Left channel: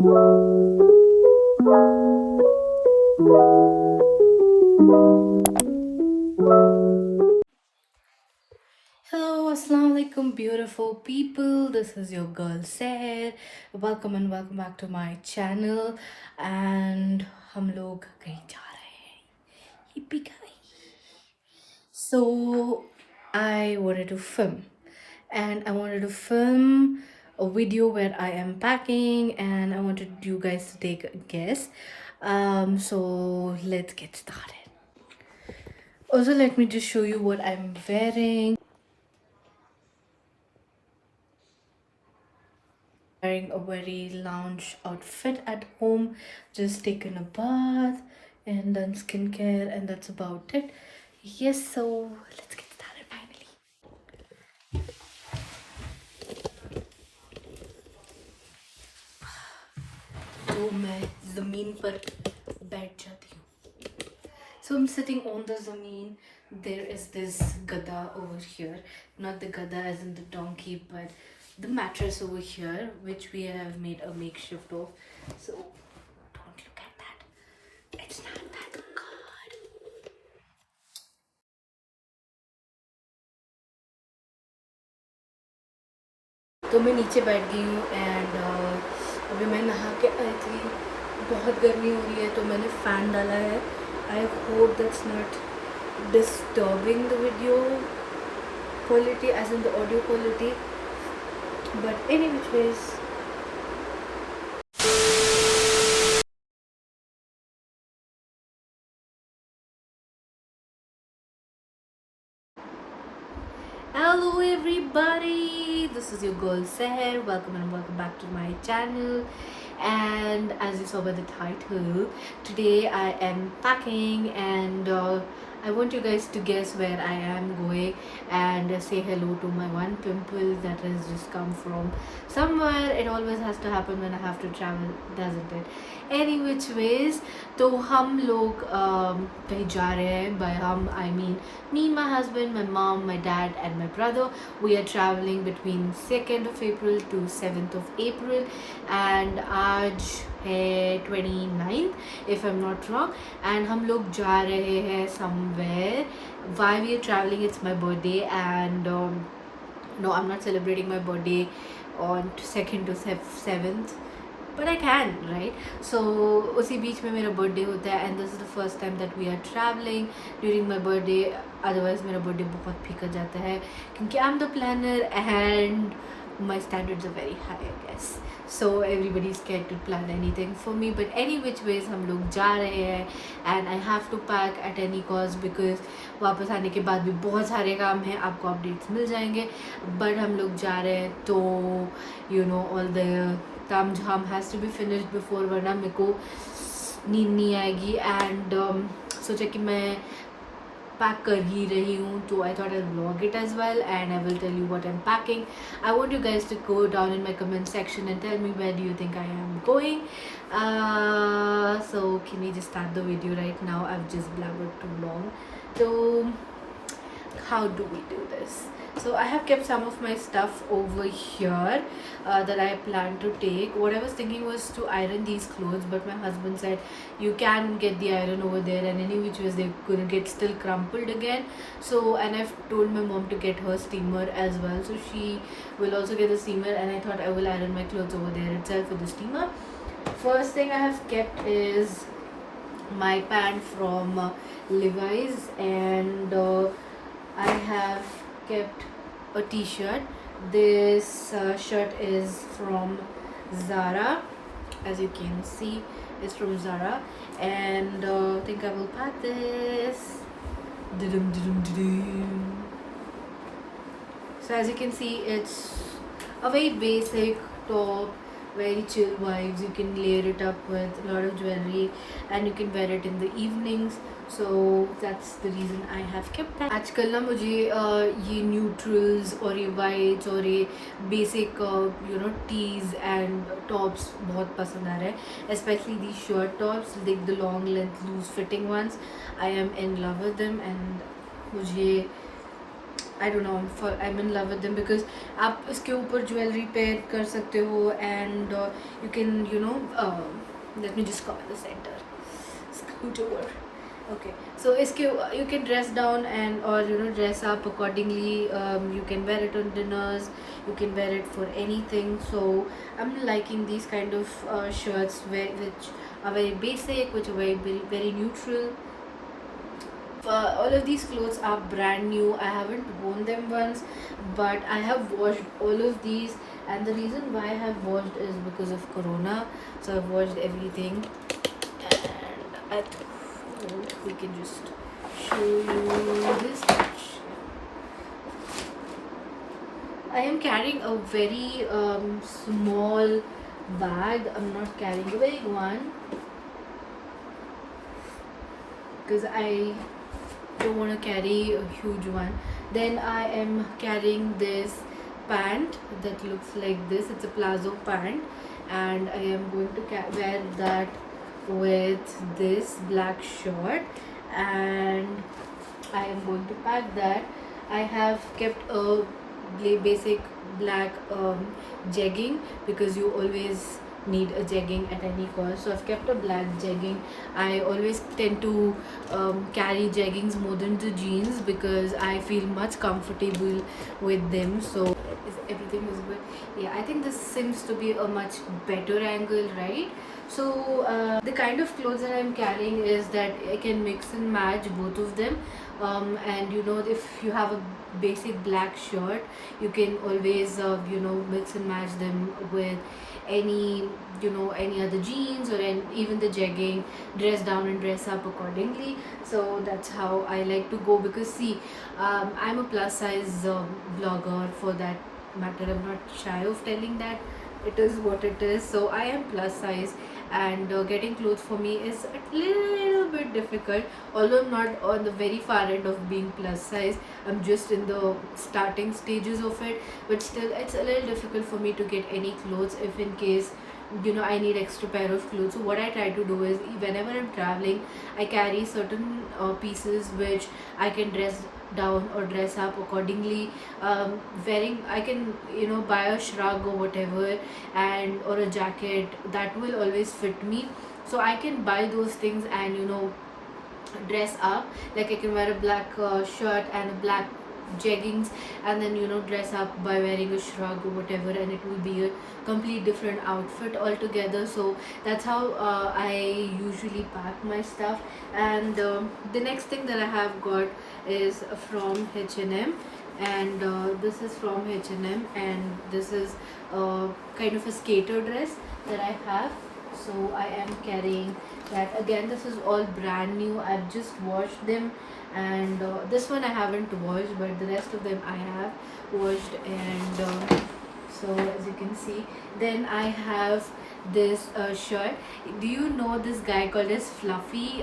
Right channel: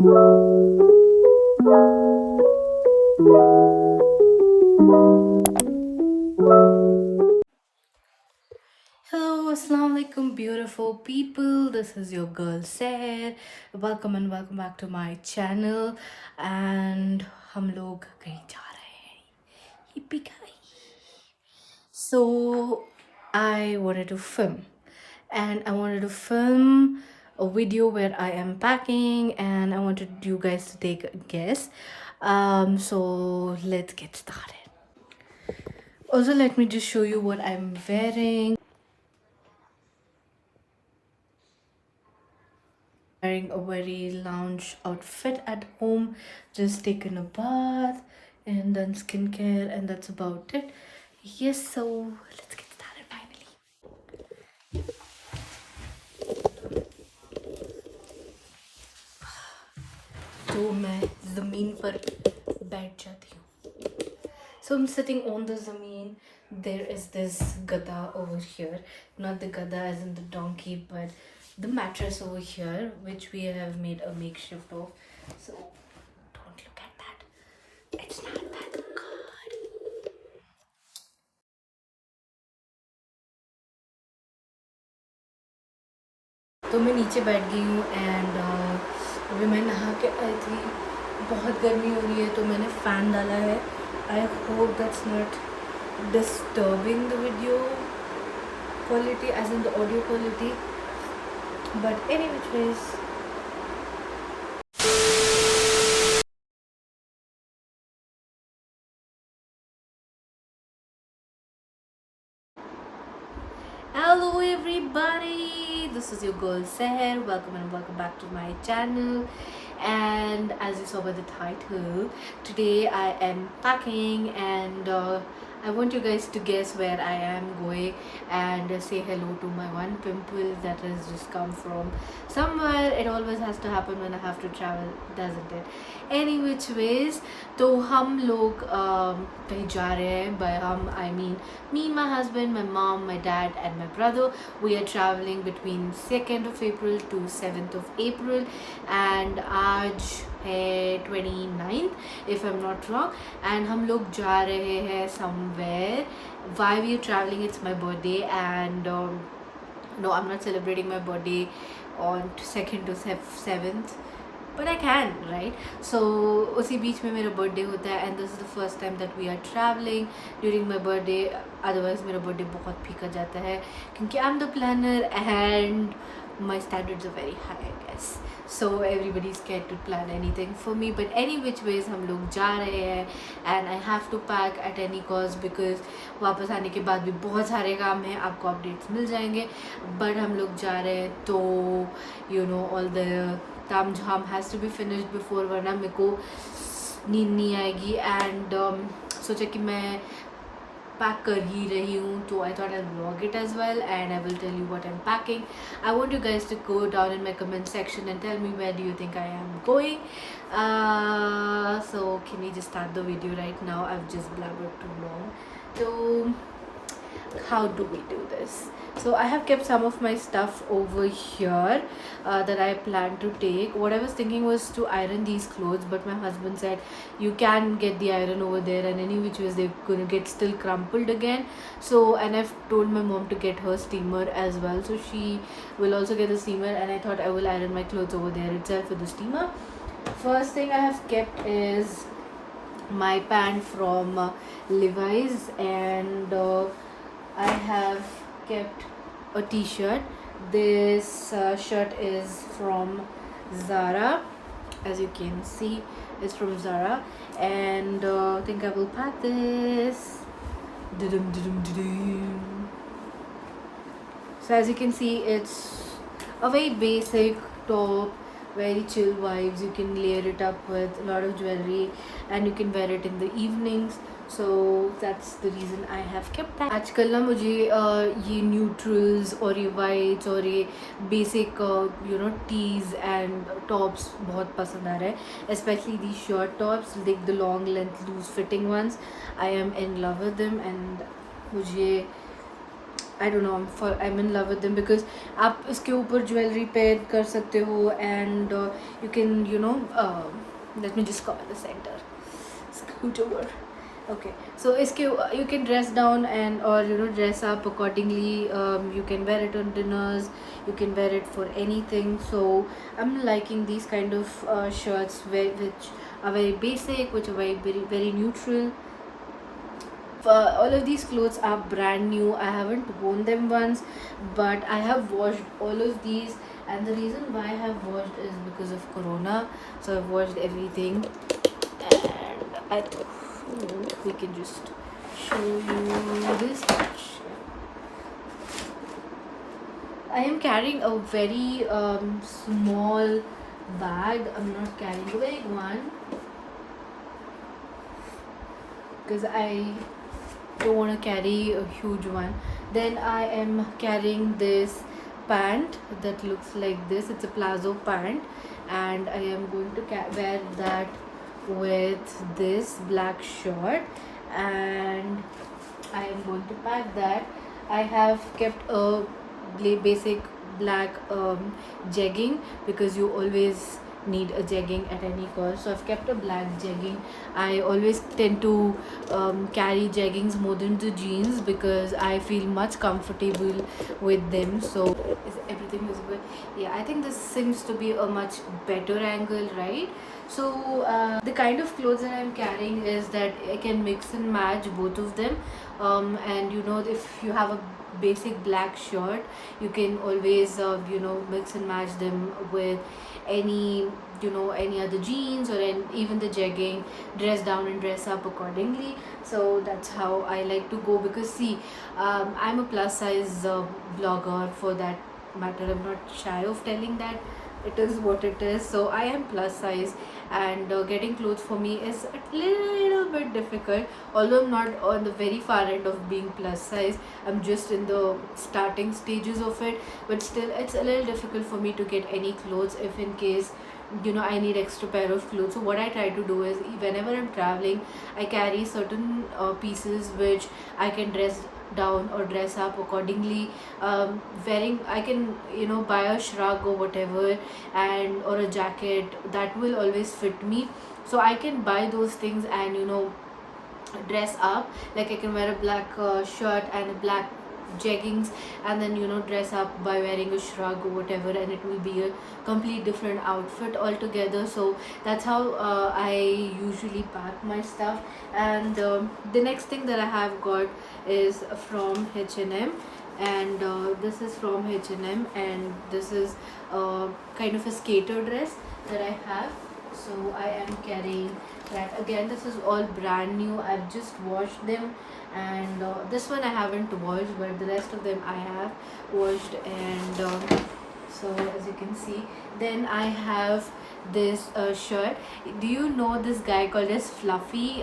Hello, Assalamu alaikum, beautiful people. This is your girl Seher. Welcome and welcome back to my channel. And हम लोग कहीं जा रहे हैं. Yippee ki. So I wanted to film, and I wanted to film a video where I am packing, and I wanted you guys to take a guess. So let's get started. Also, let me just show you what I'm wearing. Wearing a very lounge outfit at home, just taken a bath and done skincare, and that's about it. Yes, so let's get started finally. तो मैं ज़मीन पर बैठ जाती हूँ. So I'm sitting on the zameen. There is this gada over here, not the gada as in the donkey, but the mattress over here, which we have made a makeshift of. So don't look at that. It's not that good. तो मैं नीचे बैठ गई हूँ and अभी मैं नहा के आई थी. बहुत गर्मी हो रही है तो मैंने फ़ैन डाला है. I hope that's not disturbing the video quality as in the audio quality, but anyways. Hello everybody, this is your girl Seher. Welcome and welcome back to my channel. And as you saw by the title, today I am packing, and I want you guys to guess where I am going and say hello to my one pimple that has just come from somewhere. It always has to happen when I have to travel, doesn't it? Any which ways, तो हम लोग कहीं जा रहे हैं. By हम I mean me, my husband, my mom, my dad and my brother. We are traveling between 2nd of April to 7th of April, and आज है 29th if I'm not wrong, and हम लोग जा रहे हैं somewhere. Why we are traveling? It's my birthday, and no, I'm not celebrating my birthday on 2nd to 7th, but I can, right? So उसी बीच में मेरा बर्थडे होता है, and this is the first time that we are traveling during my birthday. Otherwise मेरा birthday बहुत फीका जाता है क्योंकि I'm the planner and my standards are very high, I guess. So everybody is scared to plan anything for me, but any which ways हम लोग जा रहे हैं, and I have to pack at any cost because वापस आने के बाद भी बहुत सारे काम हैं. आपको अपडेट्स मिल जाएंगे, but हम लोग जा रहे हैं तो you know all the ताम झाम has to be finished before, वरना मेरे को नींद नहीं आएगी. एंड सोचा कि मैं पैक कर ही रही हूँ, तो I thought I vlog it as well and I will tell you what I am packing. I want you guys to go down in my comment section and tell me where do you think I am going. So can we just start the video right now? I've just blabbered too long. So how do we do this? So I have kept some of my stuff over here that I plan to take. What I was thinking was to iron these clothes, but my husband said you can get the iron over there, and any which ways they're gonna get still crumpled again. So, and I've told my mom to get her steamer as well, so she will also get the steamer, and I thought I will iron my clothes over there itself with the steamer. First thing I have kept is my pant from Levi's, and I have kept a t-shirt. This shirt is from Zara, as you can see. It's from Zara, and I think I will pack this. So as you can see, it's a very basic top, very chill vibes. You can layer it up with a lot of jewelry, and you can wear it in the evenings. So that's the reason I have kept that. आजकल ना मुझे ये neutrals और ये whites और ये basic tease and tops बहुत पसंद आ रहा है, specially the shirt tops, like the long length loose fitting ones. I am in love with them, and मुझे I don't know, for I am in love with them because आप इसके ऊपर jewellery pair कर सकते हो and you can let me just cover the centre scoot over. Okay, so iske you can dress down and or dress up accordingly. You can wear it on dinners, you can wear it for anything. So I'm liking these kind of shirts which are very basic, which are very neutral. All of these clothes are brand new. I haven't worn them once, but I have washed all of these, and the reason why I have washed is because of corona. So I've washed everything, and I thought we can just show you this much. I am carrying a very small bag. I'm not carrying a big one because I don't want to carry a huge one. Then I am carrying this pant that looks like this. It's a palazzo pant, and I am going to wear that with this black shirt, and I am going to pack that. I have kept a basic black jegging because you always need a jegging at any cost. So I've kept a black jegging. I always tend to carry jeggings more than the jeans because I feel much comfortable with them. So is everything visible? Yeah, I think this seems to be a much better angle, right? So the kind of clothes that I'm carrying is that I can mix and match both of them. And if you have a basic black shirt, you can always mix and match them with any any other jeans or even the jegging, dress down and dress up accordingly. So that's how I like to go because see, I'm a plus size blogger for that matter. I'm not shy of telling that it is what it is. So I am plus size, and getting clothes for me is a little bit difficult. Although I'm not on the very far end of being plus size, I'm just in the starting stages of it, but still it's a little difficult for me to get any clothes if in case I need extra pair of clothes. So what I try to do is whenever I'm traveling, I carry certain pieces which I can dress down or dress up accordingly. Wearing, I can buy a shrug or whatever, and or a jacket that will always fit me. So I can buy those things and dress up. Like I can wear a black shirt and a black jeggings, and then dress up by wearing a shrug or whatever, and it will be a complete different outfit altogether. So that's how I usually pack my stuff. And the next thing that I have got is from H&M, and this is from H&M, and this is kind of a skater dress that I have. So I am carrying that. Again, this is all brand new. I've just washed them, and this one I haven't washed, but the rest of them I have washed. And so as you can see, then I have this shirt. Do you know this guy called as Fluffy?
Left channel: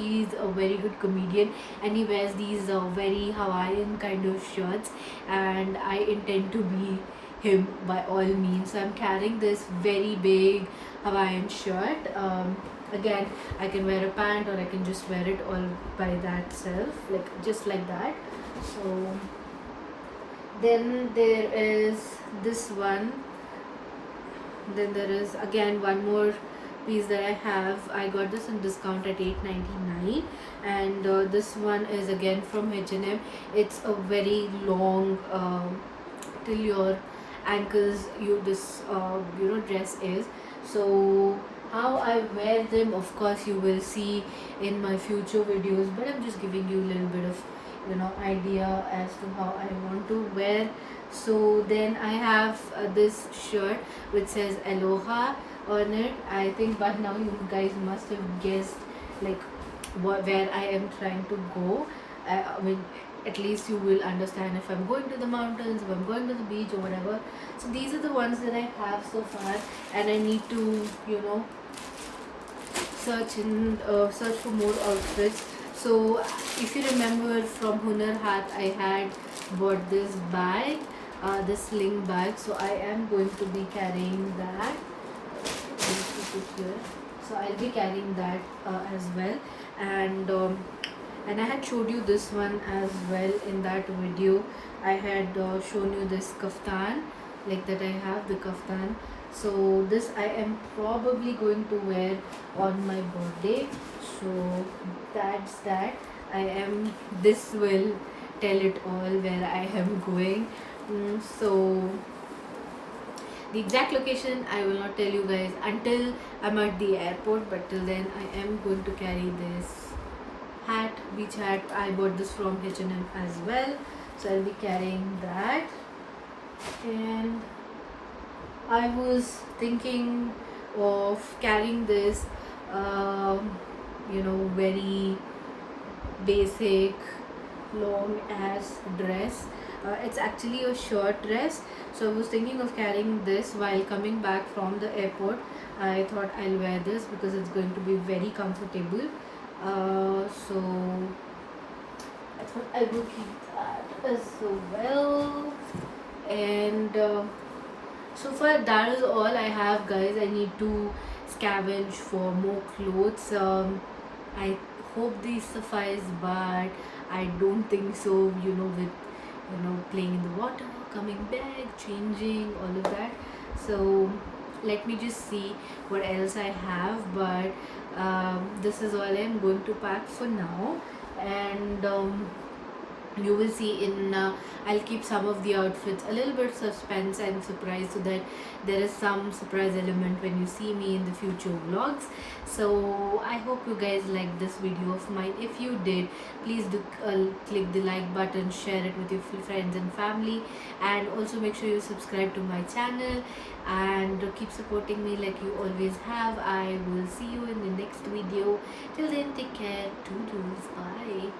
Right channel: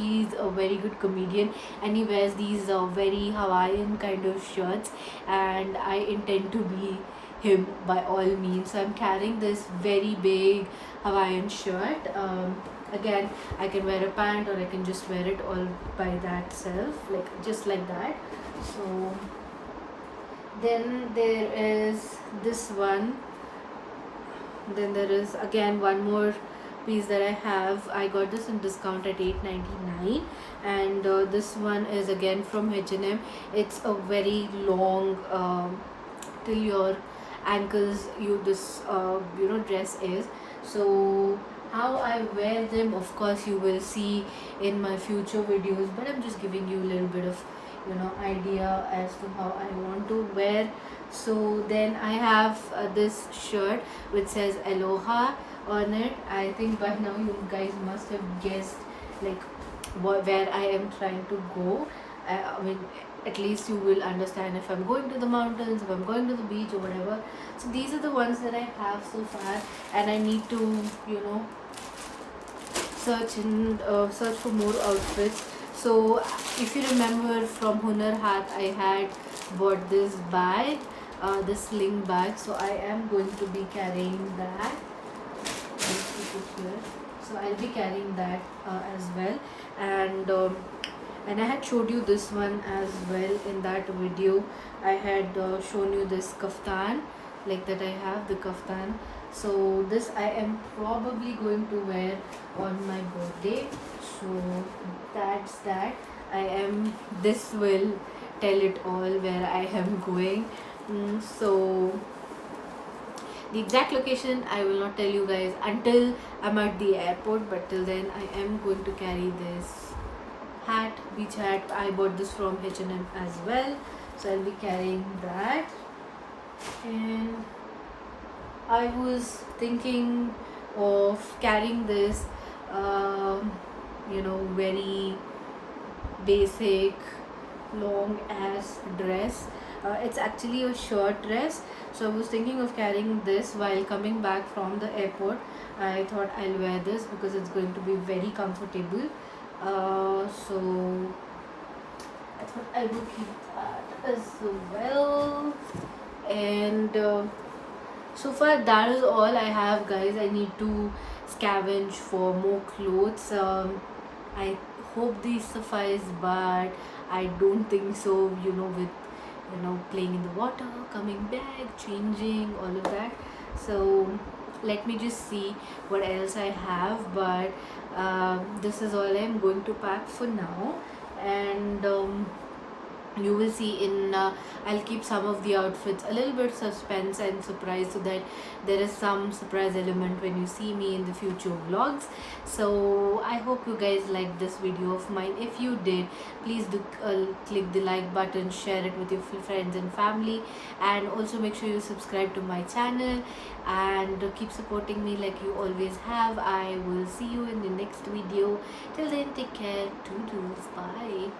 He's a very good comedian, and he wears these very Hawaiian kind of shirts, and I intend to be him by all means. So I'm carrying this very big Hawaiian shirt. Again, I can wear a pant, or I can just wear it all by that self, like just like that. So then there is this one. Then there is again one more piece that I have. I got this in discount at $8.99, and this one is again from H&M. It's a very long till your ankles. This dress is. So how I wear them, of course you will see in my future videos, but I'm just giving you a little bit of idea as to how I want to wear. So then I have this shirt which says Aloha on it. I think by now you guys must have guessed like where I am trying to go. I mean, at least you will understand if I'm going to the mountains, if I'm going to the beach or whatever. So these are the ones that I have so far, and I need to search for more outfits. So if you remember from Hunar Haat, I had bought this bag, the sling bag. So I am going to be carrying that. Let's put it here. So I'll be carrying that as well. And I had showed you this one as well in that video. I had shown you this kaftan, like that I have the kaftan. So this I am probably going to wear on my birthday. So that's that. This will tell it all where I am going. So the exact location I will not tell you guys until I'm at the airport, but till then I am going to carry this hat, beach hat. I bought this from H&M as well, so I'll be carrying that. And I was thinking of carrying this very basic long ass dress. It's actually a shirt dress, so I was thinking of carrying this while coming back from the airport. I thought I'll wear this because it's going to be very comfortable. So I thought I would keep that as well. And so far that is all I have, guys. I need to scavenge for more clothes. I hope these suffice, but I don't think so. With playing in the water, coming back, changing, all of that. So let me just see what else I have. But this is all I'm going to pack for now. And you will see in I'll keep some of the outfits a little bit suspense and surprise, so that there is some surprise element when you see me in the future vlogs. So I hope you guys liked this video of mine. If you did, please do click the like button, share it with your friends and family, and also make sure you subscribe to my channel and keep supporting me like you always have. I will see you in the next video. Till then, take care. Toodles. Bye.